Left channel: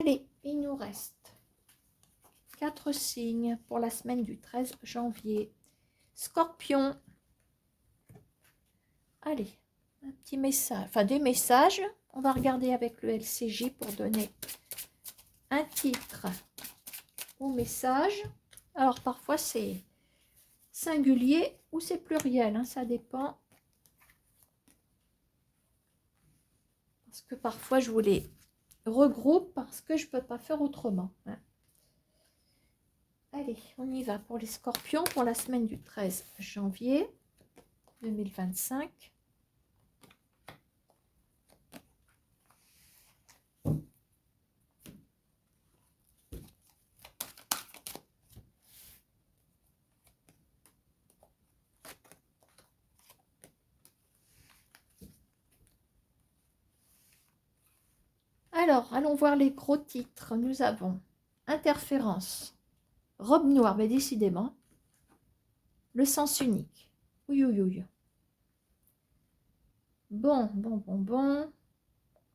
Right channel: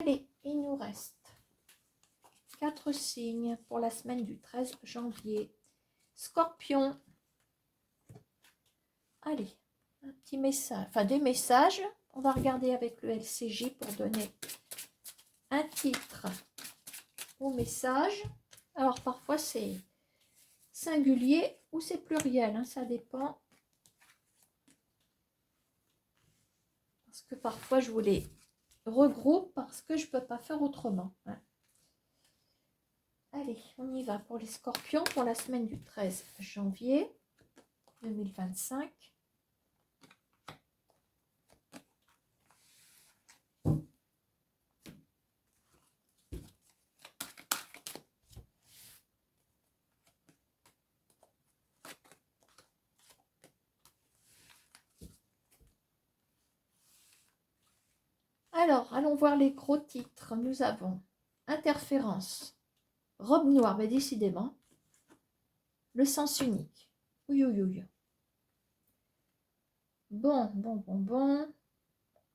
Allez, il nous reste 4 signes pour la semaine du 13 janvier. Scorpion. Allez, un petit message, enfin des messages. On va regarder avec le LCJ pour donner un titre au message. Alors parfois c'est singulier ou c'est pluriel, hein, ça dépend. Parce que parfois je vous les regroupe parce que je ne peux pas faire autrement. Hein. Allez, on y va pour les scorpions pour la semaine du 13 janvier 2025. Alors, allons voir les gros titres. Nous avons Interférence, Robe noire, mais décidément, Le sens unique. Oui, oui, oui. Bon.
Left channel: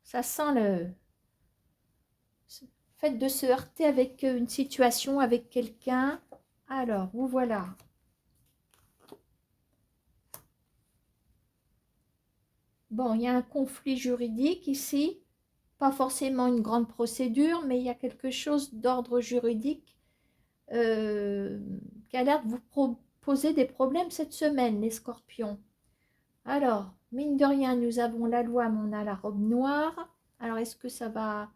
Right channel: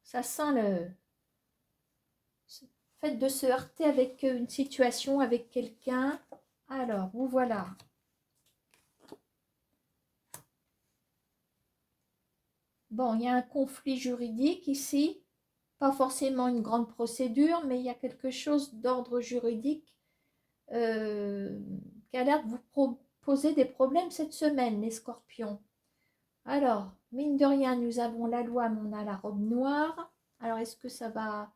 Ça sent le fait de se heurter avec une situation, avec quelqu'un. Alors, vous voilà. Bon, il y a un conflit juridique ici. Pas forcément une grande procédure, mais il y a quelque chose d'ordre juridique qui a l'air de vous poser des problèmes cette semaine, les scorpions. Alors, mine de rien, nous avons la loi, mais on a la robe noire. Alors, est-ce que ça va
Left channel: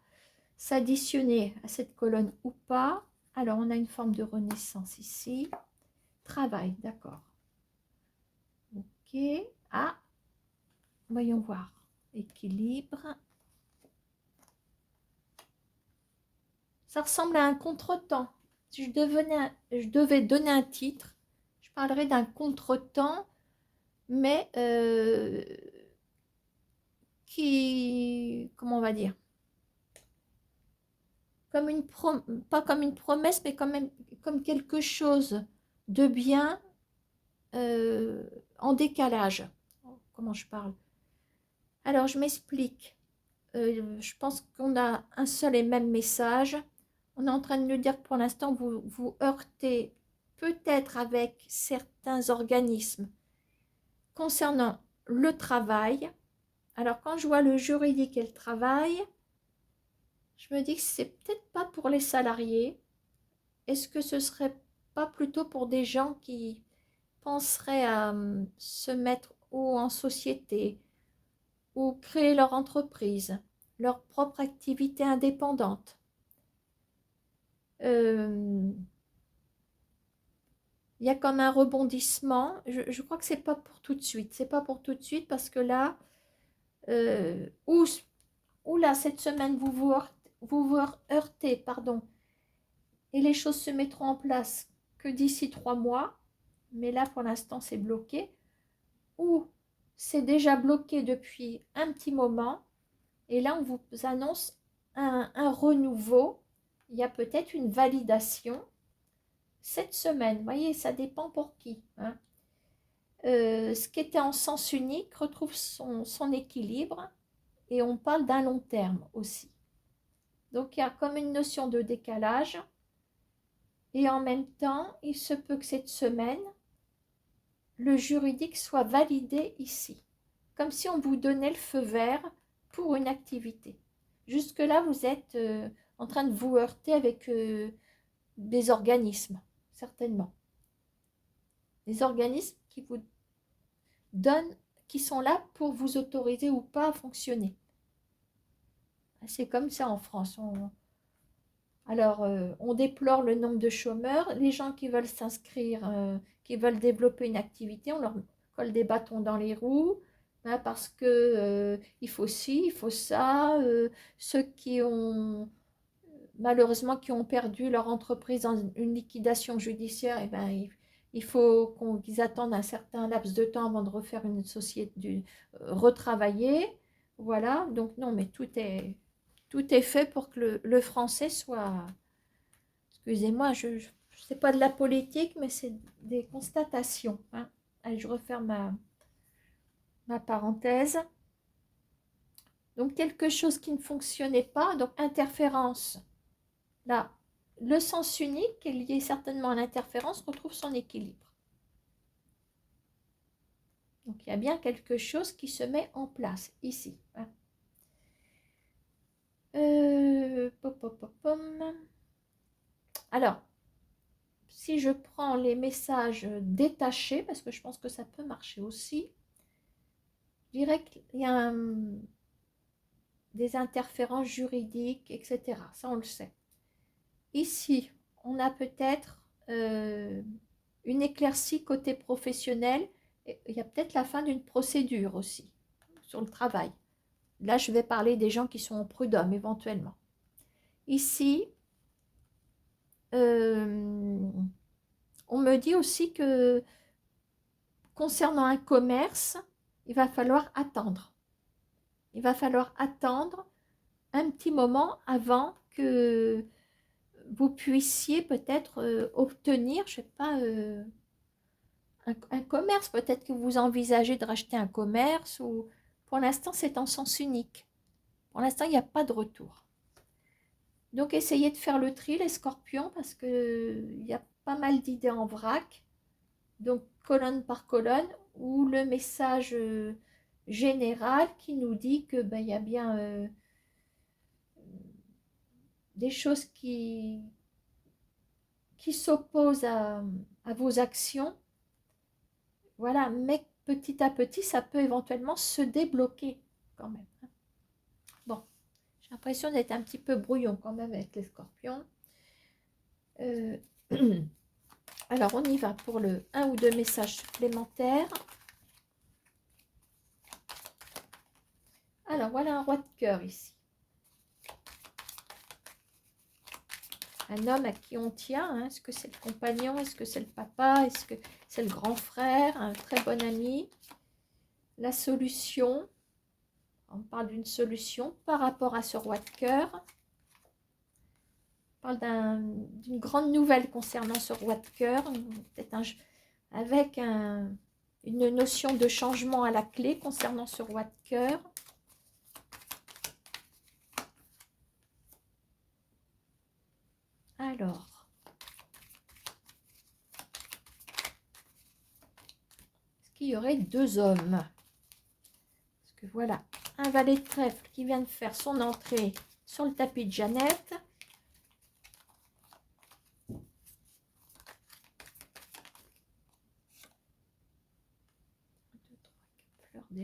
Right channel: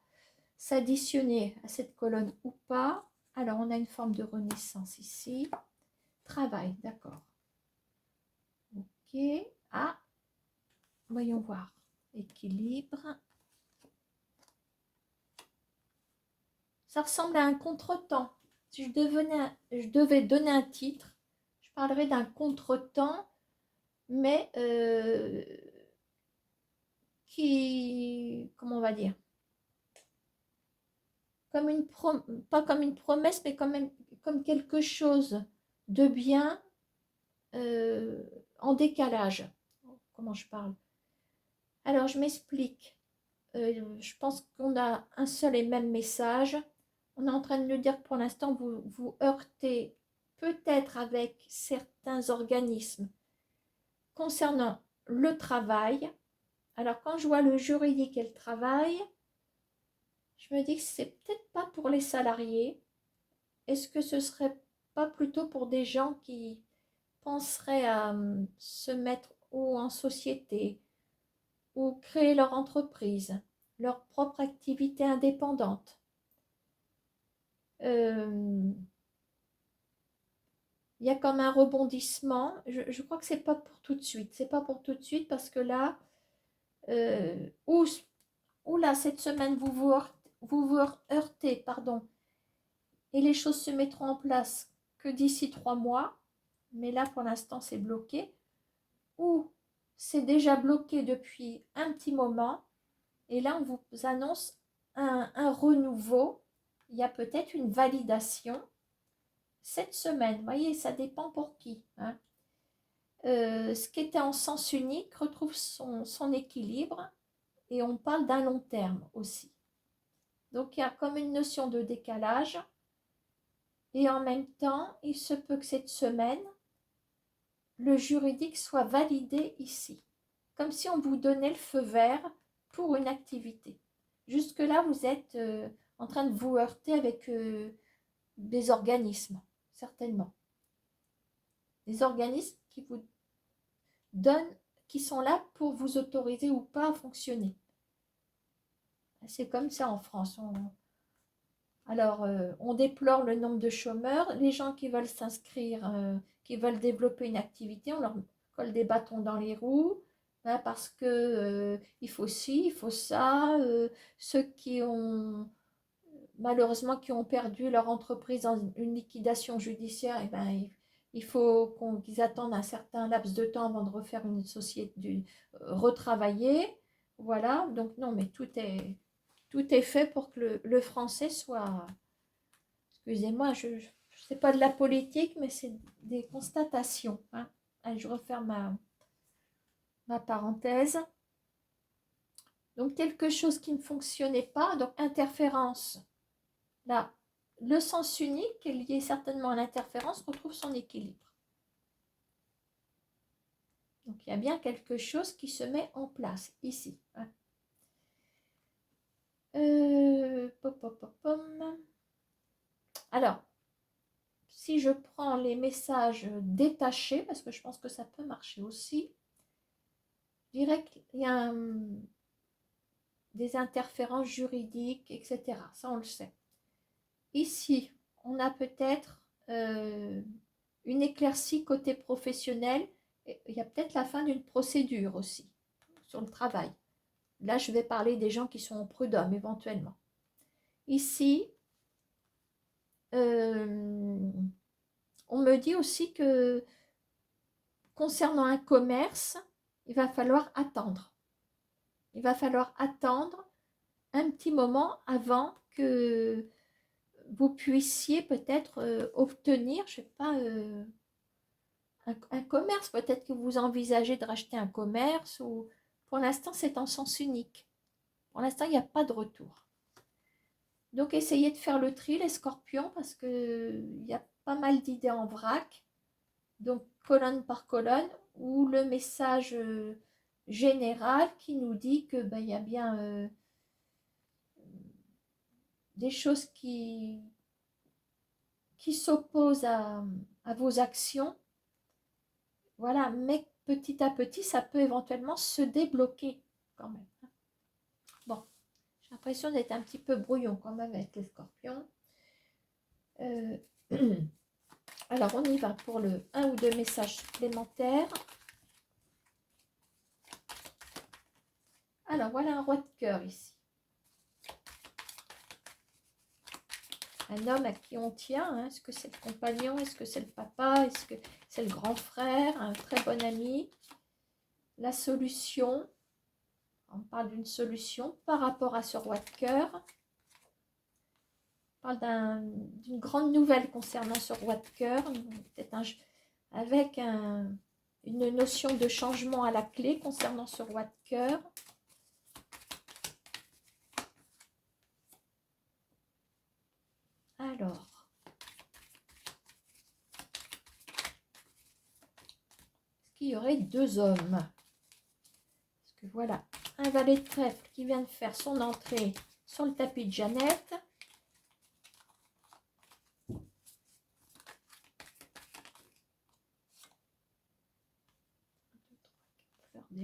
s'additionner à cette colonne ou pas? Alors, on a une forme de renaissance ici. Travail, d'accord. Ok. Ah, voyons voir. Équilibre. Ça ressemble à un contretemps. Si je devais donner un titre, je parlerais d'un contretemps, mais qui, comment on va dire, comme pas comme une promesse, mais quand même comme quelque chose de bien en décalage. Comment je parle? Alors, je m'explique. Je pense qu'on a un seul et même message. On est en train de nous dire que pour l'instant, vous vous heurtez peut-être avec certains organismes concernant le travail. Alors, quand je vois le juridique et le travail, je me dis que c'est peut-être pas pour les salariés. Est-ce que ce serait pas plutôt pour des gens qui penseraient à se mettre ou en société ou créer leur entreprise, leur propre activité indépendante? Il y a comme un rebondissement. Je crois que c'est pas pour tout de suite. C'est pas pour tout de suite parce que là, ou là, cette semaine, vous heurtez, pardon, et les choses se mettront en place que d'ici 3 mois. Mais là, pour l'instant, c'est bloqué. Ou c'est déjà bloqué depuis un petit moment. Et là, on vous annonce un renouveau. Il y a peut-être une validation cette semaine. Vous voyez, ça dépend pour qui. Hein. Ce qui était en sens unique retrouve son équilibre. Et on parle d'un long terme aussi. Donc, il y a comme une notion de décalage. Et en même temps, il se peut que cette semaine, le juridique soit validé ici. Comme si on vous donnait le feu vert pour une activité. Jusque-là, vous êtes en train de vous heurter avec des organismes, certainement. Des organismes qui vous donnent, qui sont là pour vous autoriser ou pas à fonctionner. C'est comme ça en France. Alors, on déplore le nombre de chômeurs. Les gens qui veulent s'inscrire, qui veulent développer une activité, on leur colle des bâtons dans les roues. Hein, parce que il faut ci, il faut ça. Ceux qui ont, malheureusement, qui ont perdu leur entreprise dans une liquidation judiciaire, eh ben, il faut qu'ils attendent un certain laps de temps avant de refaire une société, retravailler. Voilà, donc non, mais tout est fait pour que le français soit, excusez-moi, je sais pas de la politique, mais c'est des constatations. Hein. Allez, je referme ma parenthèse. Donc quelque chose qui ne fonctionnait pas, donc interférence. Là, le sens unique est lié certainement à l'interférence, retrouve son équilibre. Donc il y a bien quelque chose qui se met en place ici. Hein. Alors, si je prends les messages détachés, parce que je pense que ça peut marcher aussi, je dirais qu'il y a des interférences juridiques, etc. Ça, on le sait. Ici, on a peut-être une éclaircie côté professionnel. Il y a peut-être la fin d'une procédure aussi sur le travail. Là, je vais parler des gens qui sont au prud'homme éventuellement. Ici, on me dit aussi que concernant un commerce, il va falloir attendre. Il va falloir attendre un petit moment avant que vous puissiez peut-être obtenir, je ne sais pas, un commerce. Peut-être que vous envisagez de racheter un commerce ou pour l'instant, c'est en sens unique. Pour l'instant, il n'y a pas de retour. Donc, essayez de faire le tri, les scorpions, parce qu'il y a pas mal d'idées en vrac. Donc, colonne par colonne, ou le message général qui nous dit que y a bien des choses qui s'opposent à vos actions. Voilà, mais petit à petit, ça peut éventuellement se débloquer quand même. Bon, j'ai l'impression d'être un petit peu brouillon quand même avec les scorpions. Alors, on y va pour le 1 ou 2 messages supplémentaires. Alors, voilà un roi de cœur ici. Un homme à qui on tient. Hein. Est-ce que c'est le compagnon? Est-ce que c'est le papa? Est-ce que c'est le grand frère? Un très bon ami? La solution. On parle d'une solution par rapport à ce roi de cœur. On parle d'une grande nouvelle concernant ce roi de cœur. Peut-être avec une notion de changement à la clé concernant ce roi de cœur. Alors, est-ce qu'il y aurait 2 hommes? Parce que voilà, un valet de trèfle qui vient de faire son entrée sur le tapis de Jeannette.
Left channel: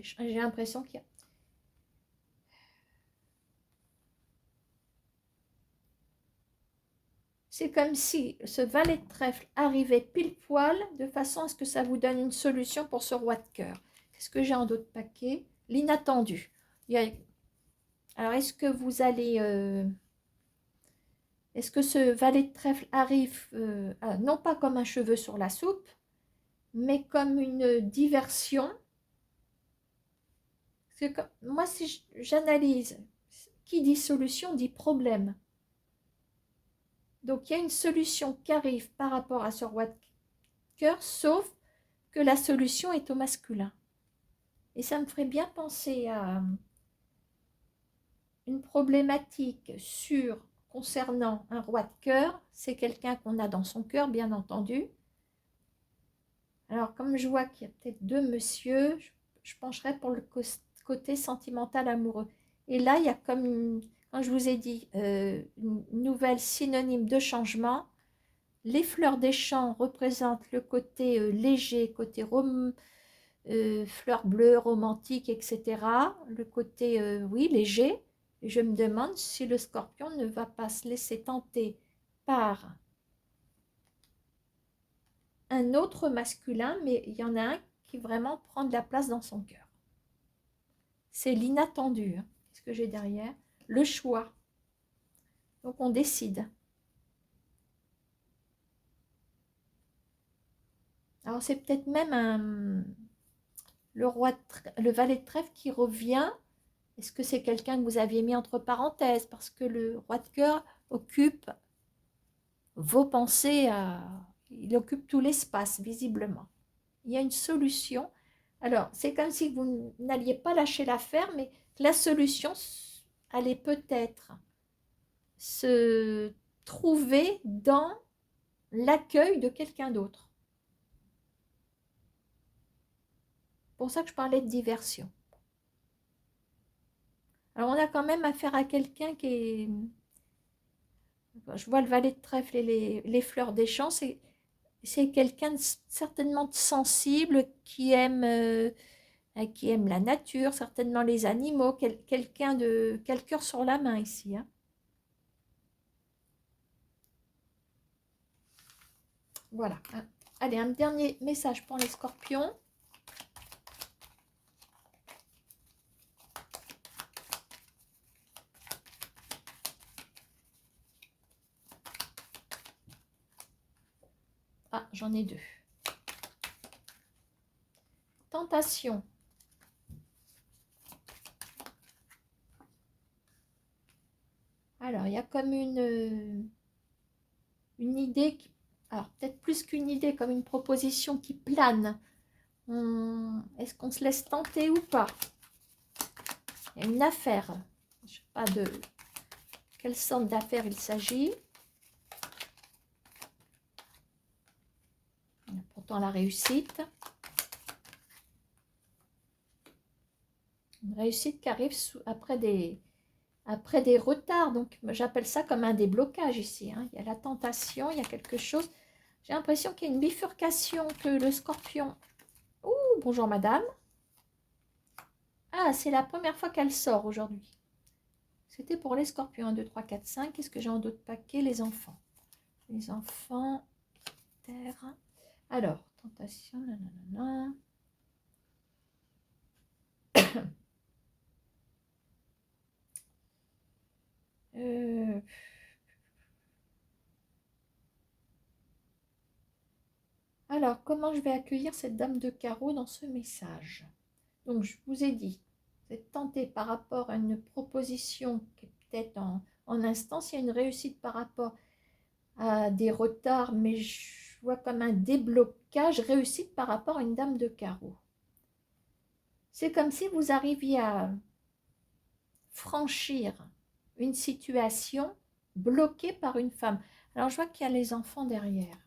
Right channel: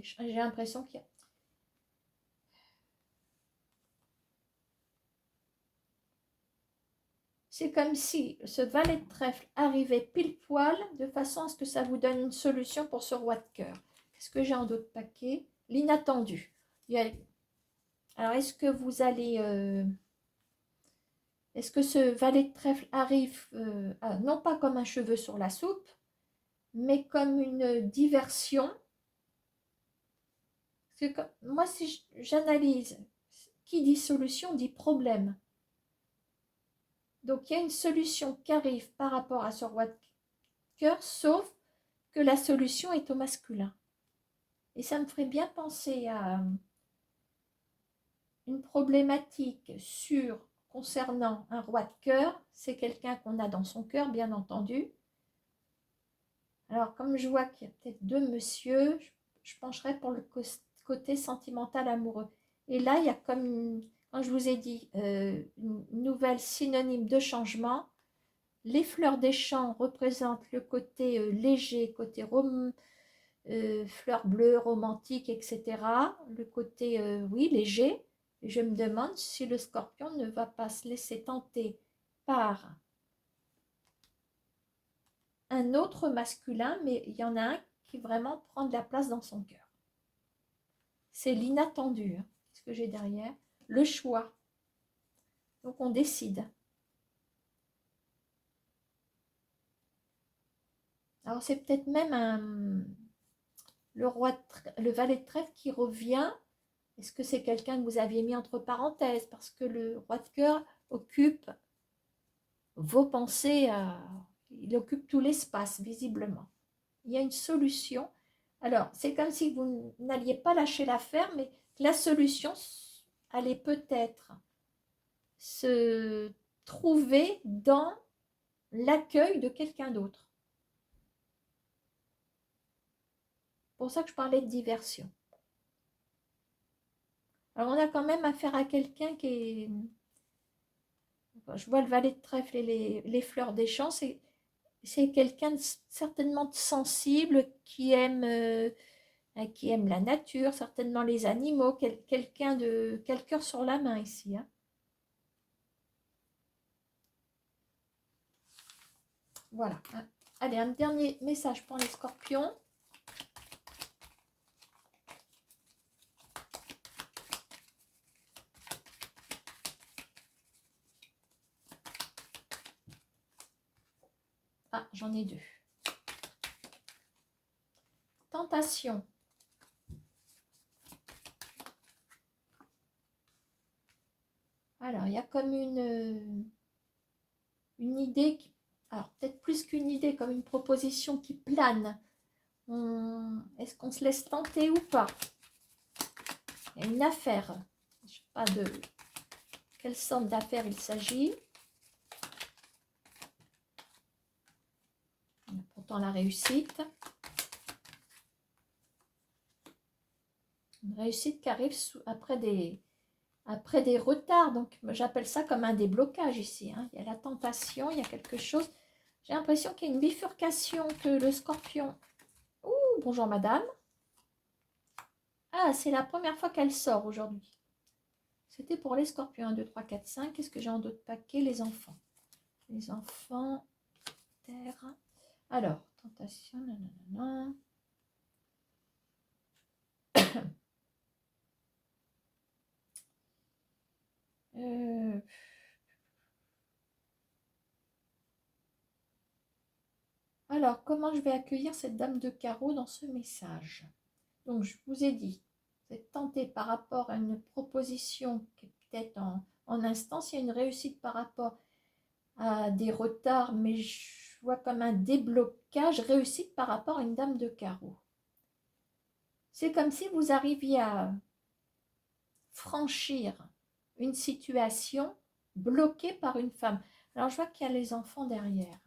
J'ai l'impression qu'il y a... C'est comme si ce valet de trèfle arrivait pile poil de façon à ce que ça vous donne une solution pour ce roi de cœur. Qu'est-ce que j'ai en d'autres paquets? L'inattendu. Alors, est-ce que vous allez... Est-ce que ce valet de trèfle arrive, non pas comme un cheveu sur la soupe, mais comme une diversion? Parce que moi, si j'analyse, qui dit solution dit problème. Donc, il y a une solution qui arrive par rapport à ce roi de cœur, sauf que la solution est au masculin. Et ça me ferait bien penser à une problématique concernant un roi de cœur. C'est quelqu'un qu'on a dans son cœur, bien entendu. Alors, comme je vois qu'il y a peut-être 2 messieurs, je pencherai pour le côté sentimental amoureux. Et là, il y a comme, quand je vous ai dit, une nouvelle synonyme de changement. Les fleurs des champs représentent le côté léger, côté fleurs bleues, romantique, etc. Le côté, oui, léger. Et je me demande si le scorpion ne va pas se laisser tenter par un autre masculin, mais il y en a un qui vraiment prend de la place dans son cœur. C'est l'inattendu. Hein. Qu'est-ce que j'ai derrière? Le choix. Donc on décide. Alors c'est peut-être même le valet de trèfle qui revient. Est-ce que c'est quelqu'un que vous aviez mis entre parenthèses? Parce que le roi de cœur occupe vos pensées, il occupe tout l'espace, visiblement. Il y a une solution. Alors, c'est comme si vous n'alliez pas lâcher l'affaire, mais La solution allait peut-être se trouver dans l'accueil de quelqu'un d'autre. C'est pour ça que je parlais de diversion. Alors on a quand même affaire à quelqu'un qui est... Je vois le valet de trèfle et les fleurs des champs, c'est quelqu'un certainement de sensible qui aime la nature, certainement les animaux, quelqu'un qui a le cœur sur la main ici. Hein. Voilà. Allez, un dernier message pour les scorpions. Ah, j'en ai deux. Tentation. Alors, il y a comme une idée, alors peut-être plus qu'une idée, comme une proposition qui plane. Est-ce qu'on se laisse tenter ou pas? Il y a une affaire. Je ne sais pas de quelle sorte d'affaire il s'agit. Pourtant la réussite. Une réussite qui arrive après des retards. Donc j'appelle ça comme un déblocage ici. Hein. Il y a la tentation, il y a quelque chose. J'ai l'impression qu'il y a une bifurcation, que le scorpion... Ouh, bonjour madame. Ah, c'est la première fois qu'elle sort aujourd'hui. C'était pour les scorpions. 1, 2, 3, 4, 5. Qu'est-ce que j'ai en d'autres paquets? Les enfants. Les enfants, terre. Alors, tentation, nanana. Alors, comment je vais accueillir cette dame de carreau dans ce message? Donc, je vous ai dit, vous êtes tenté par rapport à une proposition qui est peut-être en instance, il y a une réussite par rapport à des retards, mais je vois comme un déblocage, réussite par rapport à une dame de carreau. C'est comme si vous arriviez à franchir une situation bloquée par une femme. Alors, je vois qu'il y a les enfants derrière.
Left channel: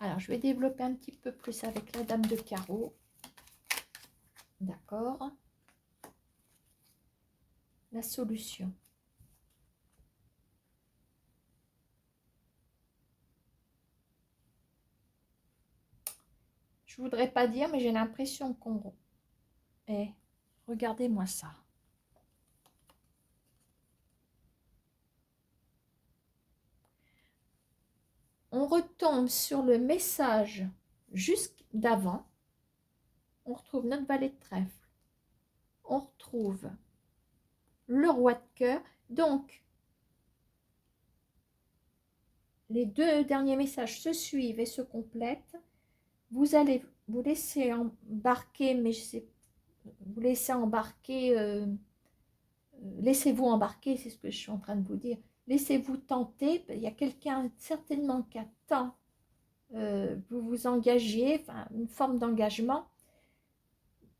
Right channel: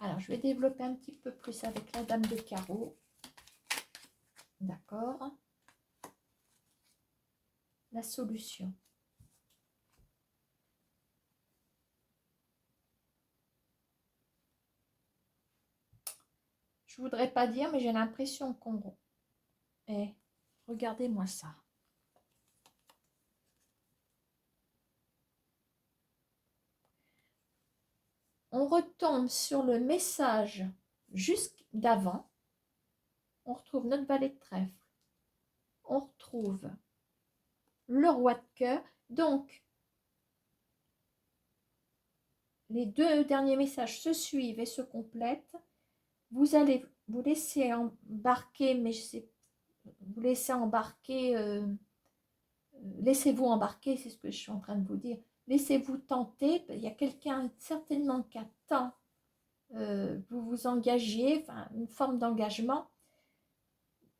Alors, je vais développer un petit peu plus avec la dame de carreau. D'accord. La solution. Je voudrais pas dire, mais j'ai l'impression qu'on... Eh, regardez-moi ça. On retombe sur le message juste d'avant. On retrouve notre valet de trèfle. On retrouve le roi de cœur. Donc, les deux derniers messages se suivent et se complètent. Vous allez vous laisser embarquer, mais je sais, vous laissez embarquer, laissez-vous embarquer, c'est ce que je suis en train de vous dire. Laissez-vous tenter. Il y a quelqu'un certainement qui attend. Vous vous engagiez, enfin, une forme d'engagement.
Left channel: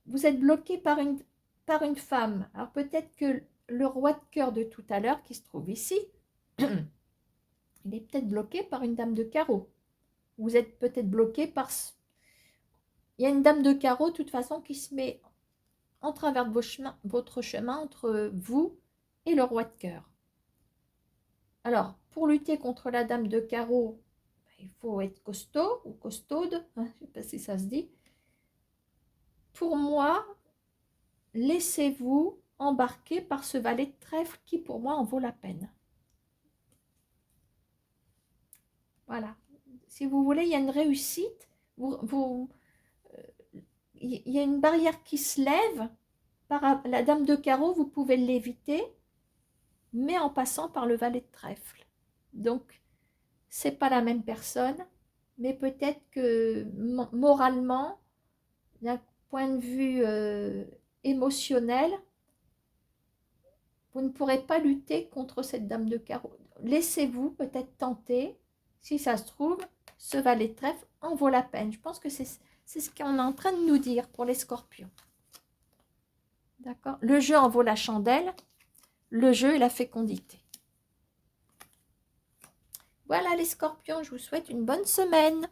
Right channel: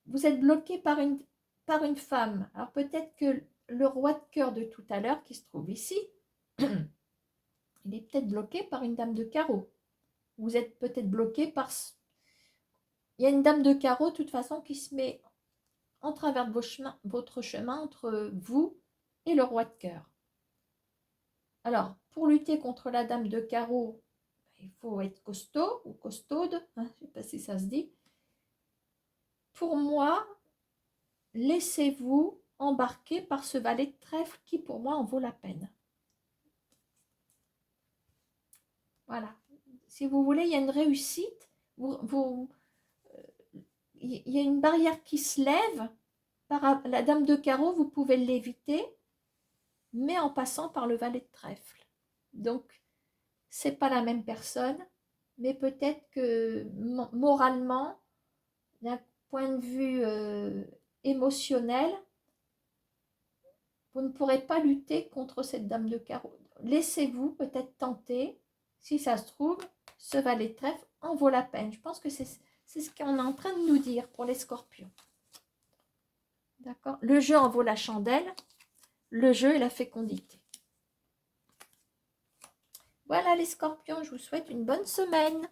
Vous êtes bloqué par une femme. Alors peut-être que le roi de cœur de tout à l'heure qui se trouve ici, il est peut-être bloqué par une dame de carreau. Vous êtes peut-être bloqué par... Il y a une dame de carreau, de toute façon, qui se met en travers de votre chemin entre vous et le roi de cœur. Alors, pour lutter contre la dame de carreau, il faut être costaud ou costaude, hein, je ne sais pas si ça se dit. Pour moi, laissez-vous embarquer par ce valet de trèfle qui, pour moi, en vaut la peine. Voilà. Si vous voulez, il y a une réussite. Il y a une barrière qui se lève. Par la dame de carreau, vous pouvez l'éviter, mais en passant par le valet de trèfle. Donc, c'est pas la même personne, mais peut-être que moralement, d'un point de vue émotionnel, vous ne pourrez pas lutter contre cette dame de carreau. Laissez-vous peut-être tenter, si ça se trouve, ce valet de trèfle en vaut la peine. Je pense que c'est ce qu'on est en train de nous dire pour les scorpions. D'accord? Le jeu en vaut la chandelle. Le jeu et la fécondité. Voilà les scorpions, je vous souhaite une bonne semaine.